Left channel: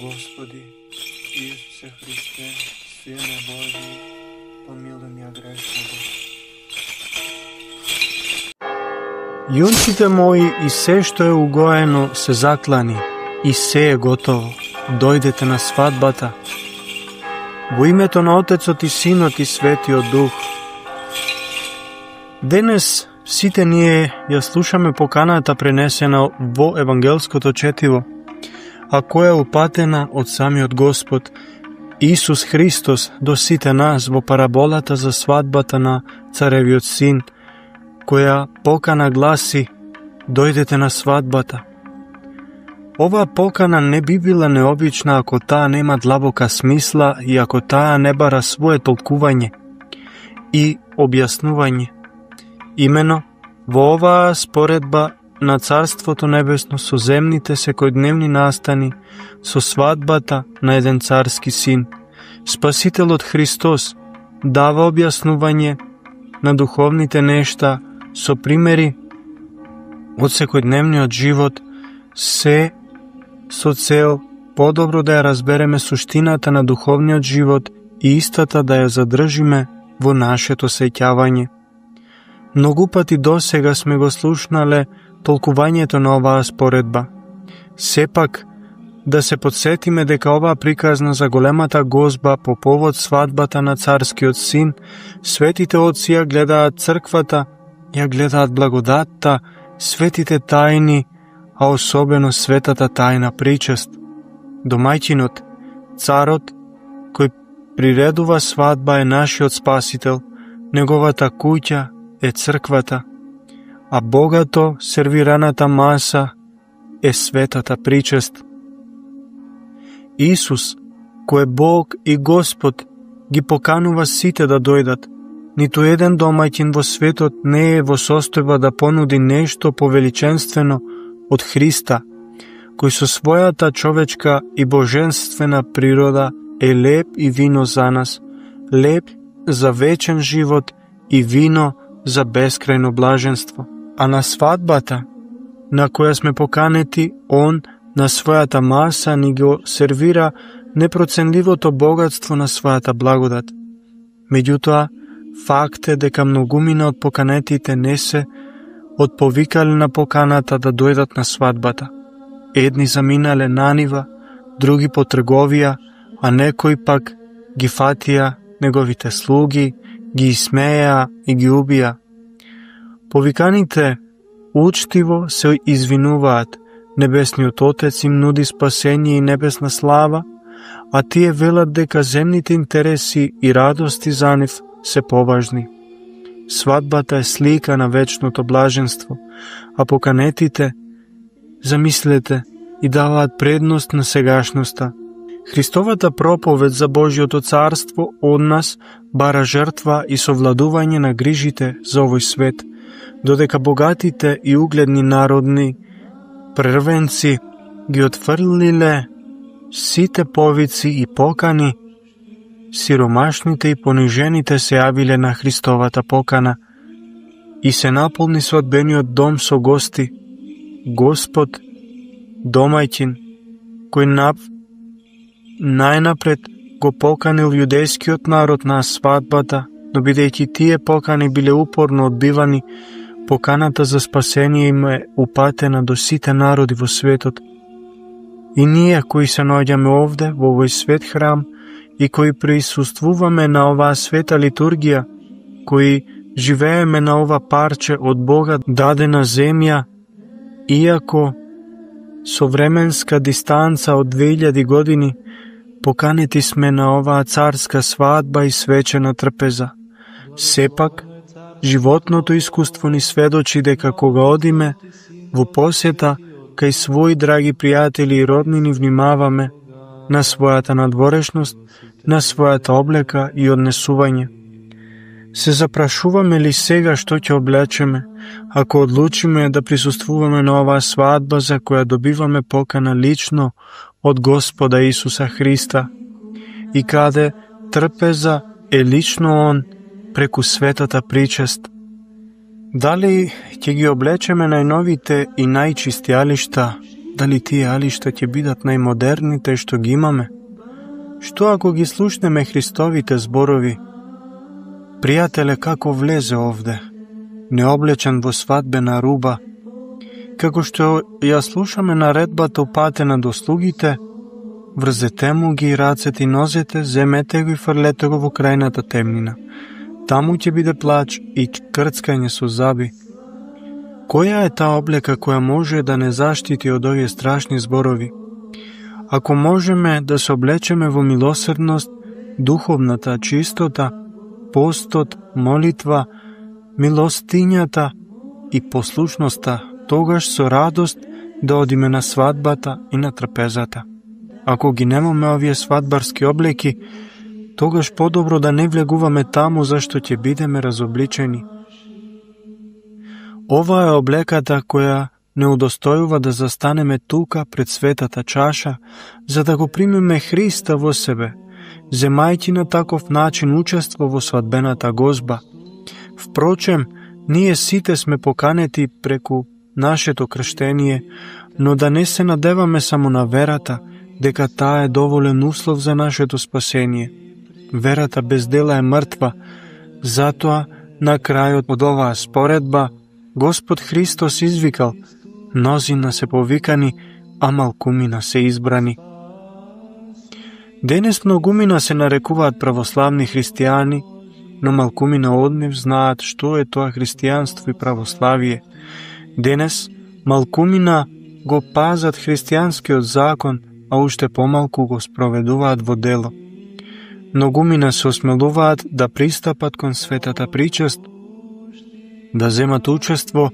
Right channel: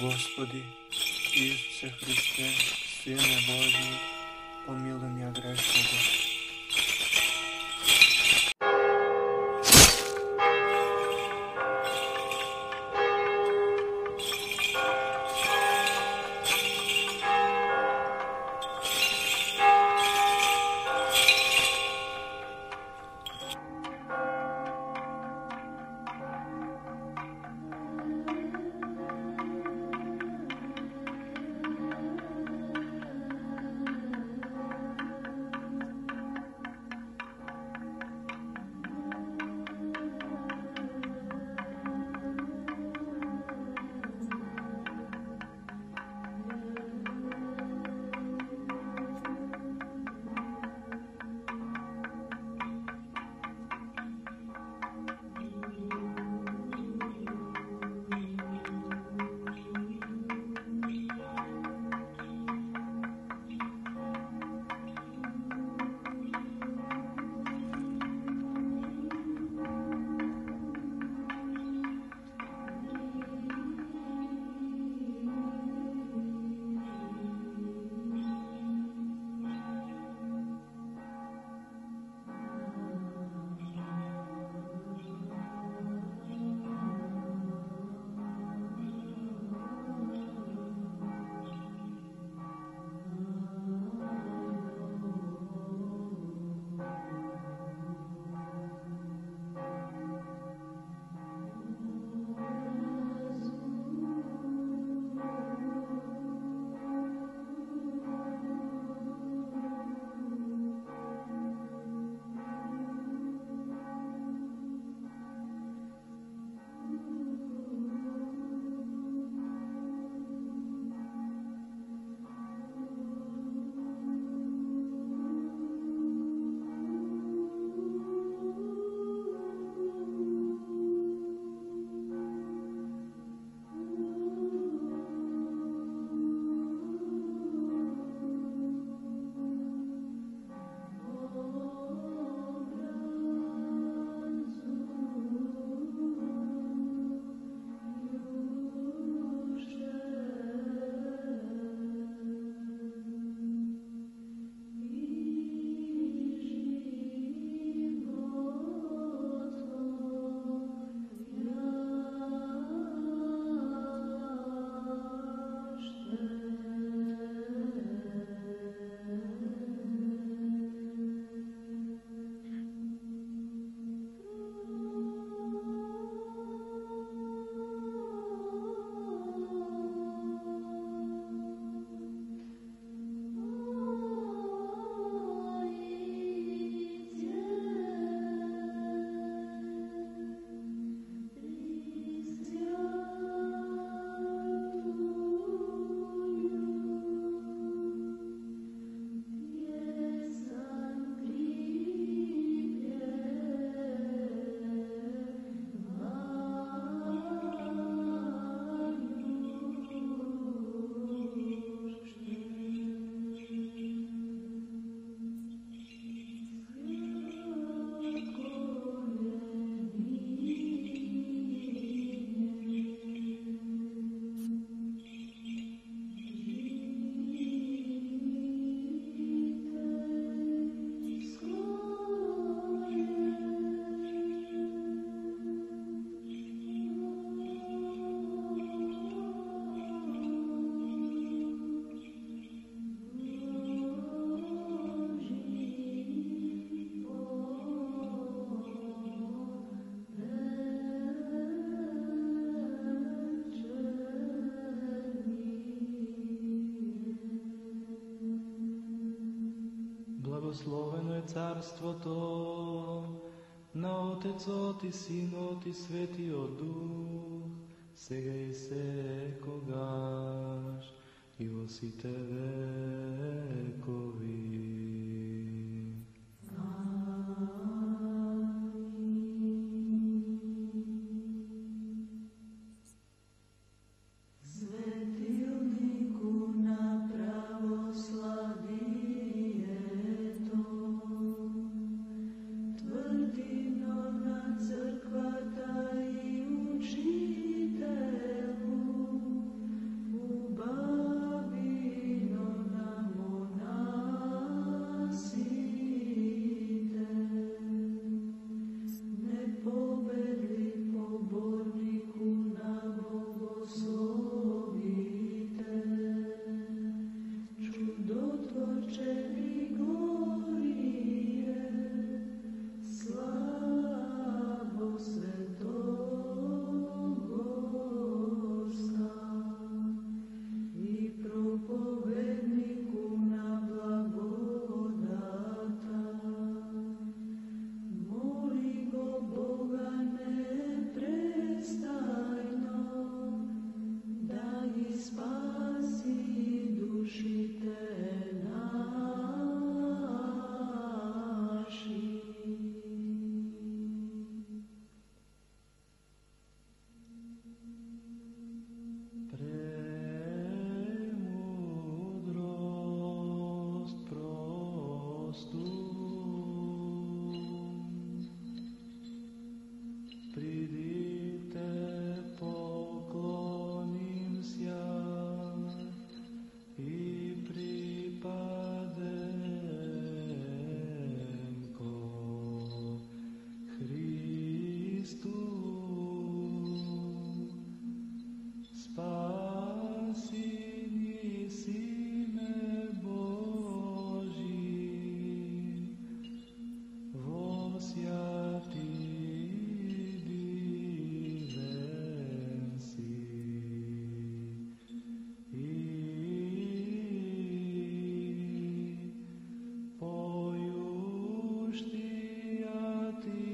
Gospodi Isuse Hrisте, Sine Božji, pomiluj mja grešnoga. Junčite moji, i sve što je ugojeno se zaklani, i sve je gotovo. Dojdete na svadbata. Во името на Отецот и Синот и Светиот Дух. Денес сите ние ја слушаме поканата пренесена во евангелското четиво, а која е упатена од самиот Господ Исус Христос до сите нас во параболата за свадбата на царевиот син, која покана гласи: дојдете на свадбата. Оваа покана не би била необична ако таа нема длабока смисла и ако таа не бара свое толкување и објаснување. Имено, во оваа споредба на Царството Небесно со земните секојдневни настани, со свадбата на еден царски син, Спасителот Христос дава објаснување на духовните нешта со примери од секојдневниот живот, се со цел подобро да ја разбереме суштината на духовниот живот и истата да ја задржиме во нашето сеќавање. Многу пати досега сме го слушнале толкувањето на оваа споредба. Сепак, да се подсетиме дека оваа приказна за големата гозба по повод свадбата на царскиот син, светите отци ја гледаат црквата, ја гледаат благодатта, светите тајни, а особено светата тајна причест. Домајќинот, царот, кој приредува свадба е нашиот Спасител, неговата куќа е црквата, а богато сервираната маса е светата причест. Исус, кој е Бог и Господ, ги поканува сите да дојдат. Ниту еден домаќин во светот не е во состојба да понуди нешто повеличенствено од Христа, кој со својата човечка и божествена природа е леп и вино за нас, леп за вечен живот и вино за бескрајно блаженство. А на свадбата, на која сме поканети, Он на својата маса ни го сервира непроценливото богатство на својата благодат. Меѓутоа, факт е дека многумина од поканетите не се отповикале на поканата да дојдат на свадбата. Едни заминале на нива, други по трговија, а некои пак ги фатија неговите слуги, ги исмеја и ги убија. Повиканите учтиво се извинуваат, Небесниот Отец им нуди спасение и небесна слава, а тие велат дека земните интереси и радости за нив се поважни. Свадбата е слика на вечното блаженство, а поканетите, замислете, и даваат предност на сегашноста. Христовата проповед за Божјото царство од нас бара жртва и совладување на грижите за овој свет, додека богатите и угледни народни првенци ги отфрлиле сите повици и покани, сиромашните и понижените се јавиле на Христовата покана и се наполни свадбениот дом со гости. Господ, домајчин, кој најнапред го поканил јудејскиот народ на свадбата, но бидејќи тие покани биле упорно одбивани, поканата за спасение им е упатена до сите народи во светот. И ние кои се наоѓаме овде, во овој свет храм, и кои присуствуваме на оваа света литургија, кои живееме на ова парче од Бога дадена земја, иако со временска дистанца од 2000 години, поканети сме на оваа царска свадба и свечена трпеза. Сепак, животното искуство ни сведочи дека кога одиме во посета кај своји драги пријатели и роднини, внимаваме на својата надворешност, на својата облека и однесување. Се запрашуваме ли сега што ќе облечеме, ако одлучиме да присуствуваме на оваа свадба за која добиваме покана лично од Господа Исуса Христа и каде трпеза е лично Он преку светата причест. Дали ќе ги облечеме најновите и најчисти алишта дали тие алишта ќе бидат најмодерните што ги имаме? Што ако ги слушнеме Христовите зборови? Пријателе, како влезе овде, необлечен во свадбена руба, како што ја слушаме наредбата упатена до слугите, врзете му ги рацете и нозете, земете го и фрлете го во крајната темнина. Таму ќе биде плач и крцкање со заби. Која е таа облека која може да не заштити од овие страшни зборови? Ако можеме да се облечеме во милосрдност, духовната чистота, постот, молитва, милостињата и послушноста, тогаш со радост да одиме на свадбата и на трпезата. Ако ги немаме овие свадбарски облеки, тогаш подобро да не влегуваме таму зашто ќе бидеме разобличени. Ова е облеката која не удостојува да застанеме тука пред светата чаша, за да го примеме Христа во себе, земајќи на таков начин учество во свадбената гозба. Впрочем, ние сите сме поканети преку нашето крштение, но да не се надеваме само на верата, дека таа е доволен услов за нашето спасение. Верата без дела е мртва, затоа на крајот од оваа споредба Господ Христос извикал: мнозина се повикани, а малкумина се избрани. Денес многумина се нарекуваат православни христијани, но малкумина од нив знаат што е тоа христијанство и православие. Денес малкумина го пазат христијанскиот закон, а уште помалку го спроведуваат во дело. Многумина се осмелуваат да пристапат кон светата причест, да земат учество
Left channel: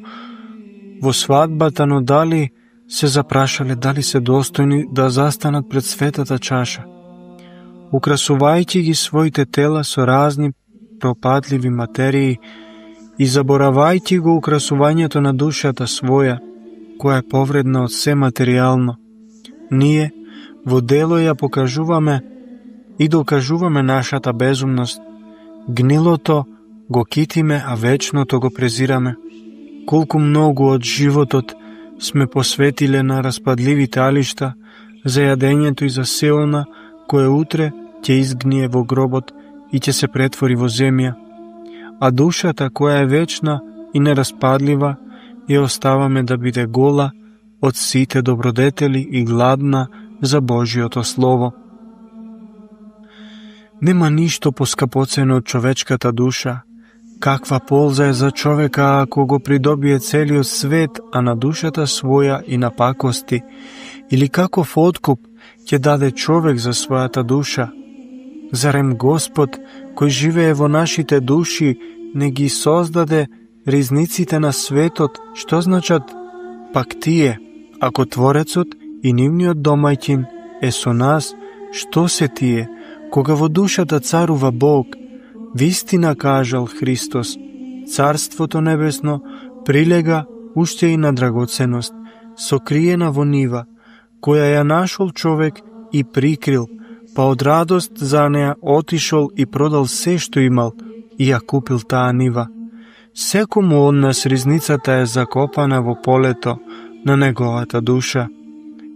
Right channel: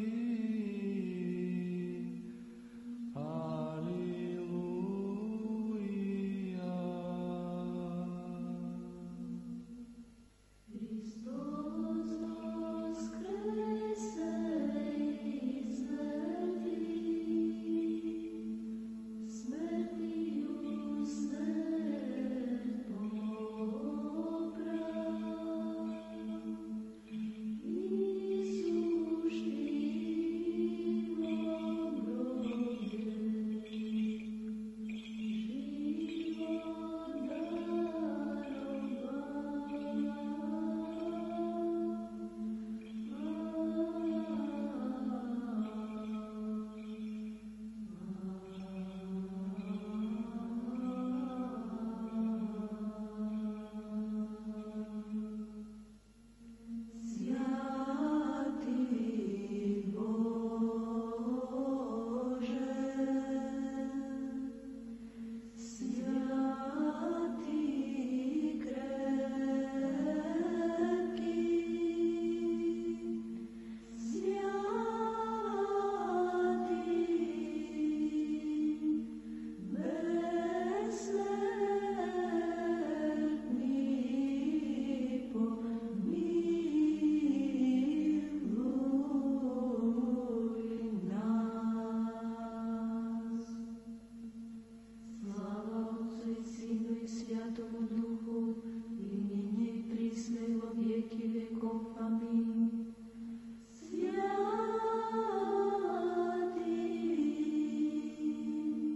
во свадбата, но дали се запрашале дали се достојни да застанат пред светата чаша, украсувајќи ги своите тела со разни пропадливи материи и заборавајќи го украсувањето на душата своја, која е повредна од се материјално. Ние во дело ја покажуваме и докажуваме нашата безумност. Гнилото го китиме, а вечното го презираме. Колку многу од животот сме посветиле на распадливите алишта, за јадењето и за се она кое утре ќе изгние во гробот и ќе се претвори во земја. А душата која е вечна и нераспадлива ја оставаме да биде гола од сите добродетели и гладна за Божиото Слово. Нема ништо поскапоцено од човечката душа. Каква полза е за човека ако го придобие целиот свет, а на душата своја и на пакости? Или каков откуп ќе даде човек за својата душа? Зарем Господ, кој живее во нашите души, не ги создаде ризниците на светот? Што значат пак тие, ако Творецот и нивниот домајќин е со нас? Што се тие, кога во душата царува Бог? Вистина кажал Христос, Царството небесно прилега уште и на драгоценост, сокриена во нива, која ја нашол човек и прикрил, па од радост за неа отишол и продал се што имал и ја купил таа нива. Секому од нас ризницата е закопана во полето на неговата душа.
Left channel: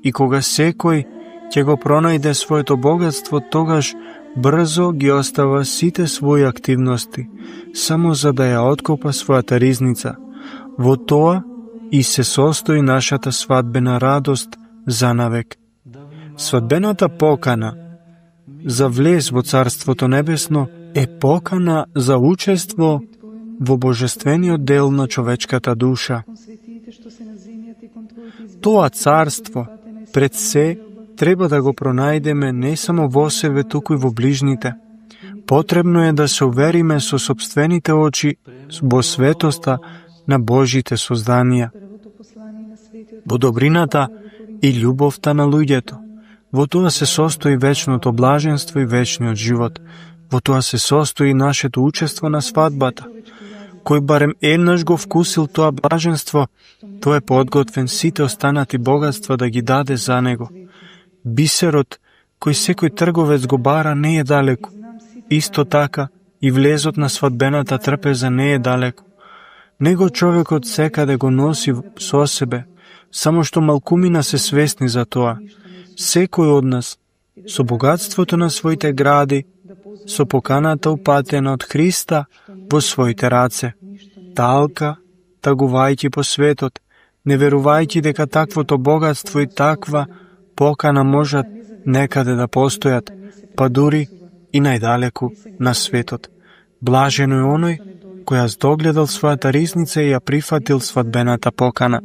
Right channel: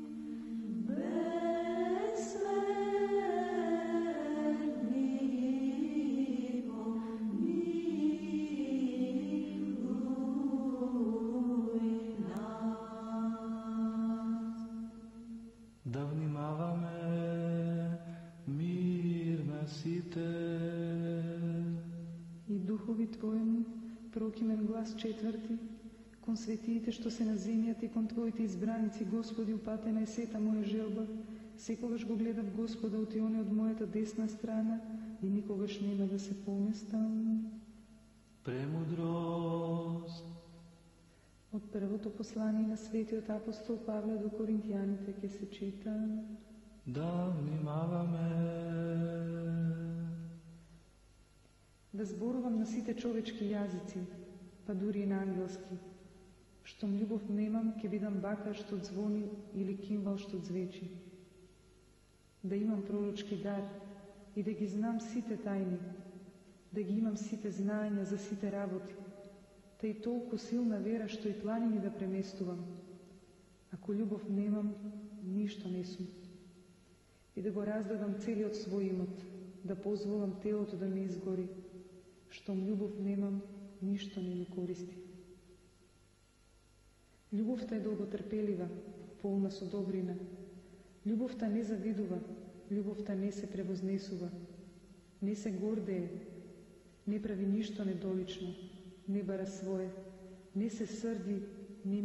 И кога секој ќе го пронајде своето богатство, тогаш брзо ги остава сите своји активности, само за да ја откопа својата ризница. Во тоа и се состои нашата свадбена радост за навек. Свадбената покана за влез во Царството Небесно е покана за учество во божествениот дел на човечката душа. Тоа царство пред се треба да го пронајдеме не само во себе, туку и во ближните. Потребно е да се увериме со сопствените очи во светоста на Божите созданија, во добрината и љубовта на луѓето. Во тоа се состои вечното блаженство и вечниот живот. Во тоа се состои нашето учество на свадбата. Кој барем еднаш го вкусил тоа блаженство, тој е подготвен сите останати богатства да ги даде за него. Бисерот, кој секој трговец го бара, не е далеку. Исто така и влезот на свадбената трпеза не е далеку. Него човекот секаде го носи со себе, Само што малкумина се свесни за тоа. Секој од нас, со богатството на своите гради, со поканата упатена од Христа во своите раце, талка, тагувајќи по светот, не верувајќи дека таквото богатство и таква покана можат некаде да постојат, па дури и најдалеку на светот. Блажено е оној кој ја здогледал својата ризница и ја прифатил свадбената покана.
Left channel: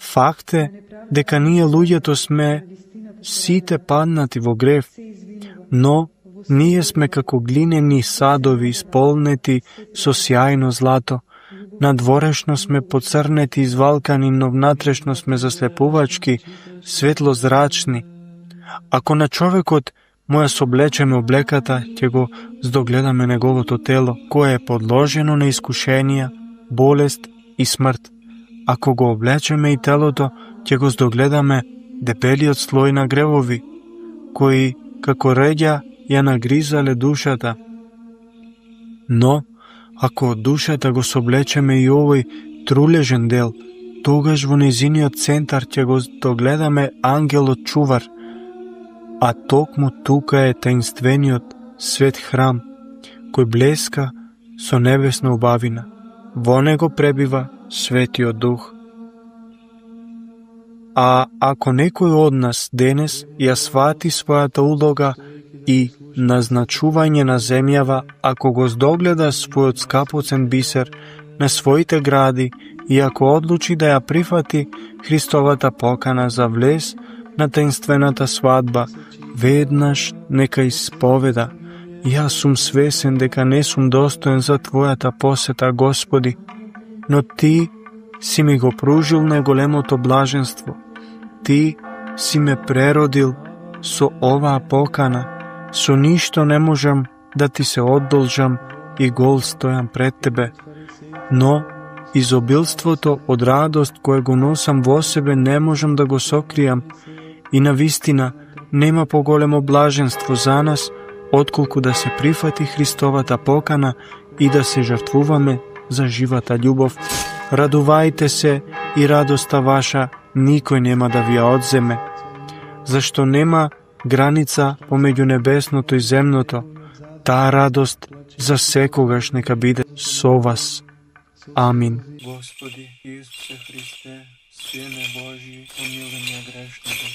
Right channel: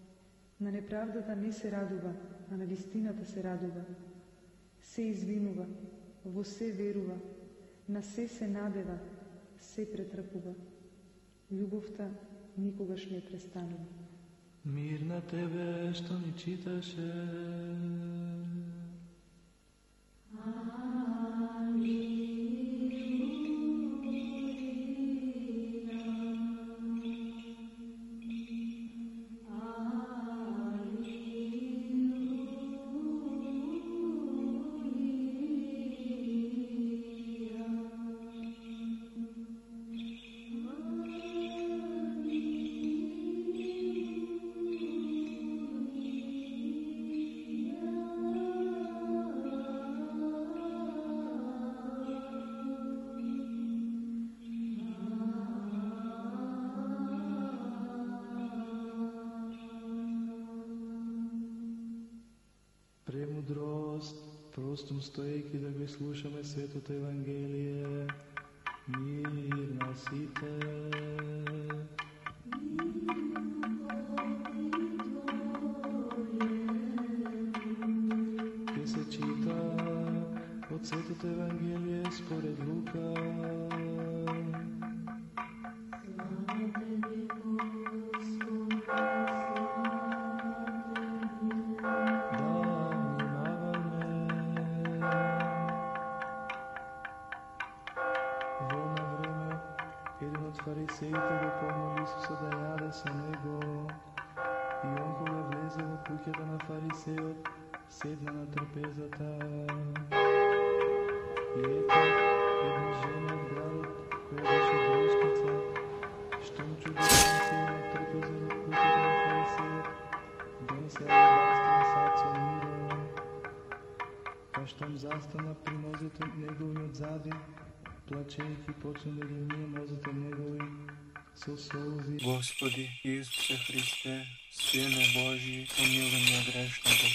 Факт е дека ние луѓето сме сите паднати во грев, но ние сме како глинени садови исполнети со сјајно злато. Надворешно сме поцрнети и извалкани, но внатрешно сме заслепувачки, светлозрачни. Ако на човекот му ја соблечеме облеката, ќе го здогледаме неговото тело, кое е подложено на искушенија, болест и смрт. Ако го облечеме и телото, ќе го здогледаме дебелиот слој на гревови, кои, како реѓа, ја нагризале душата. Но, ако од душата го соблечеме и овој трулежен дел, тогаш во нејзиниот центар ќе го догледаме ангелот чувар, а токму тука е таинствениот свет храм, кој блеска со небесна убавина. Во него пребива Светиот Дух. А ако некој од нас денес ја свати својата улога и назначување на земјава, ако го здогледа својот скапоцен бисер на своите гради и ако одлучи да ја прифати Христовата покана за влез на таинствената свадба, веднаш нека исповеда: јас сум свесен дека не сум достоен за Твојата посета, Господи, но Ти си ми го пружил најголемото блаженство. Ти си ме преродил со оваа покана. Со ништо не можам да Ти се одолжам и гол стојам пред Тебе. Но изобилството од радост кое го носам во себе не можам да го сокријам. И навистина нема поголемо блаженство за нас, отколку да се прифати Христовата покана и да се жртвуваме за живата љубов. Радувајте се и радоста ваша никој нема да ви ја одземе, зашто нема граница помеѓу небесното и земното. Таа радост за секогаш нека биде со вас. Амин. Господи Исусе Христе, Сине Божи, помилуј ме грешного.